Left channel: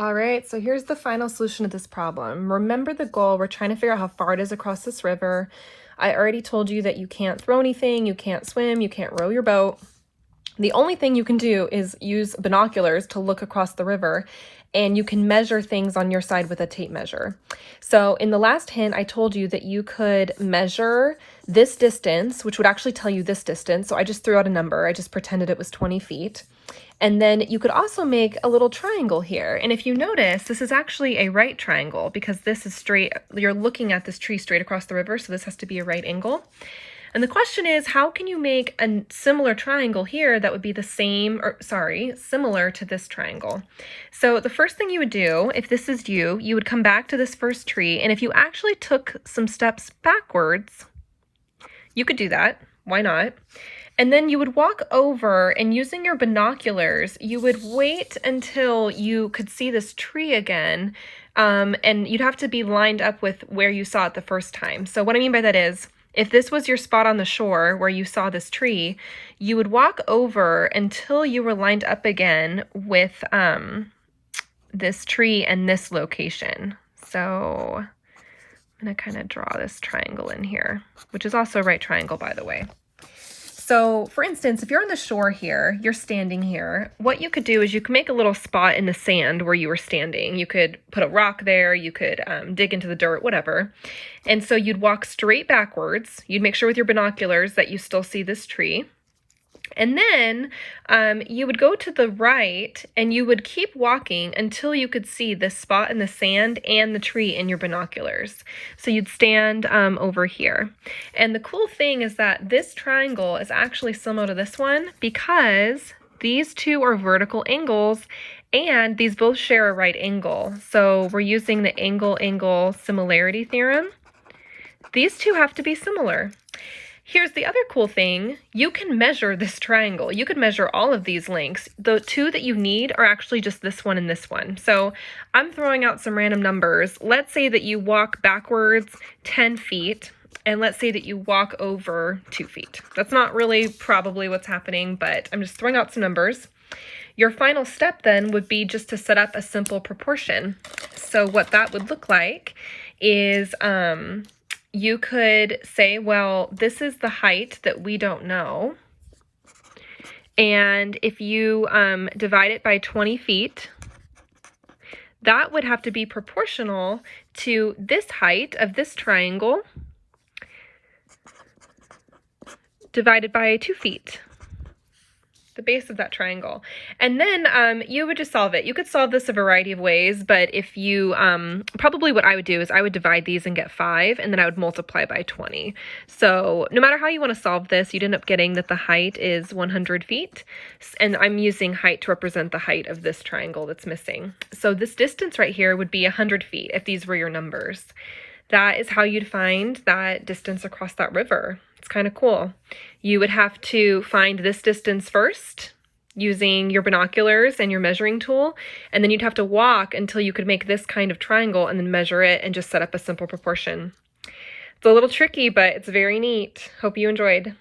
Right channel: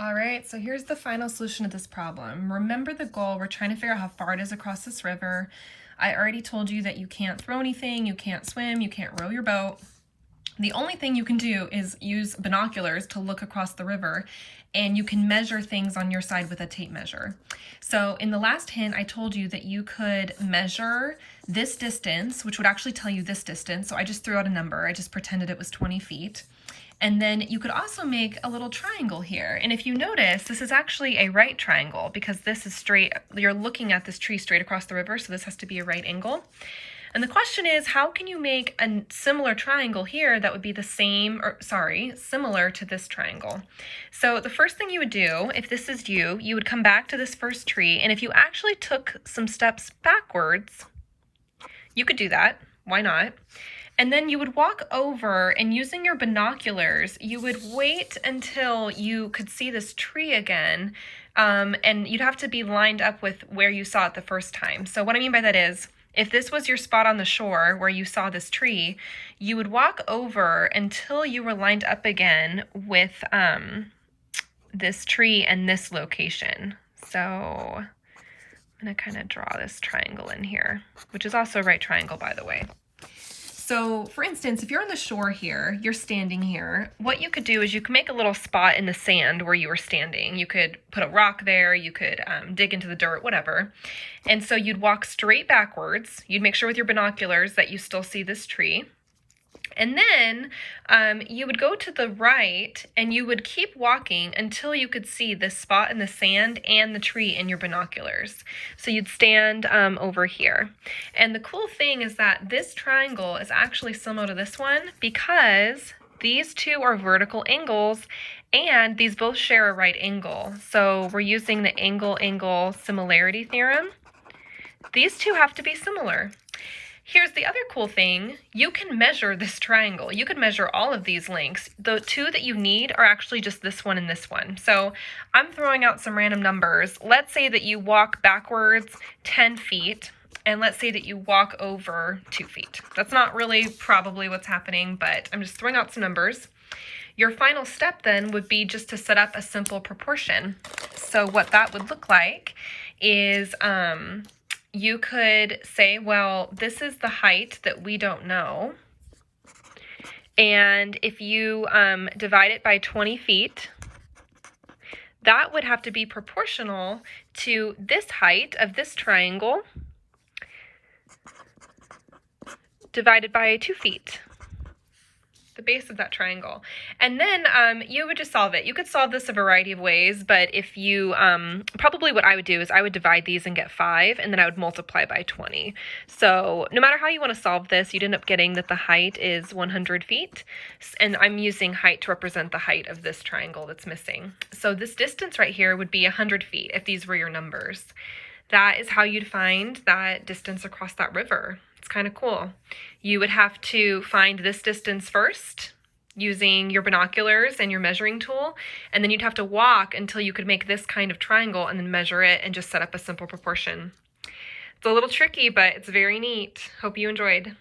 All right, so here's the final solution to this problem. Remember the goal. We're trying to figure out how far it is across this river. I already told you that you can't throw anything, you can't swim, you can't row your boat. The only thing you can do is use binoculars to look across the river, and you can measure things on your side with a tape measure. So in the last hint, I told you that you could measure this distance, which would actually tell you this distance. So I just threw out a number. I just pretended it was 20 feet. And then you could also make a little triangle here. And if you notice, this is actually a right triangle because this is straight. You're looking at this tree straight across the river, so this has to be a right angle. And the question is, how can you make a similar triangle here that would be the same, or sorry, similar to this triangle? So the first thing you would do, if this is you would come back to this first tree, and if you actually took some steps backwards, you could do that. Why not? And then you would walk over, and using your binoculars, you would wait until you could see this tree again, and you'd have to be lined up with where you saw it the first time. So what I mean by that is, if this was your spot on the shore where you saw this tree, you would walk over until you were lined up again with this tree and this location. So I'm going to kind of draw this triangle in here, which is also a right triangle, by the way. So for instance, if you're on the shore here, you're standing here, what you could do is you could make a little spot in the sand where you were standing. You could put a rock there, you could dig into the dirt, whatever. And so you'd walk straight backwards. You'd make sure with your binoculars that you still see this tree. And then you would go to the right and you would keep walking until you could see this spot in the sand and the tree in your binoculars. So you'd stand over here. And the cool thing is that this triangle is actually similar to this one because these two are vertical angles and these both share a right angle. So we're using the angle-angle similarity theorem. These two have to be similar. Here's the other cool thing. You can measure this triangle. You could measure all of these lengths. The two that you need are actually just this one and this one. So I'm throwing out some random numbers. Let's say that you walk backwards 10 feet, and let's say that you walk over 2 feet. That's not really probably what's happening, but I'm just throwing out some numbers. Your final step then would be just to set up a simple proportion. So what that would look like is you could say, well, this is the height that we don't know. And if you divide it by 20 feet, that would have to be proportional to this height of this triangle divided by 2 feet. The base of that triangle. And then you would just solve it. You could solve this a variety of ways, but if you, probably what I would do is I would divide these and get 5, and then I would multiply by 20. So no matter how you want to solve this, you'd end up getting that the height is 100 feet, and I'm using height to represent the height of this triangle that's missing. So this distance right here would be 100 feet if these were your numbers. That is how you'd find that distance across that river. It's kind of cool. You would have to find this distance first using your binoculars and your measuring tool, and then you'd have to walk until you could make this kind of triangle and then measure it and just set up a simple proportion. It's a little tricky, but it's very neat. Hope you enjoyed.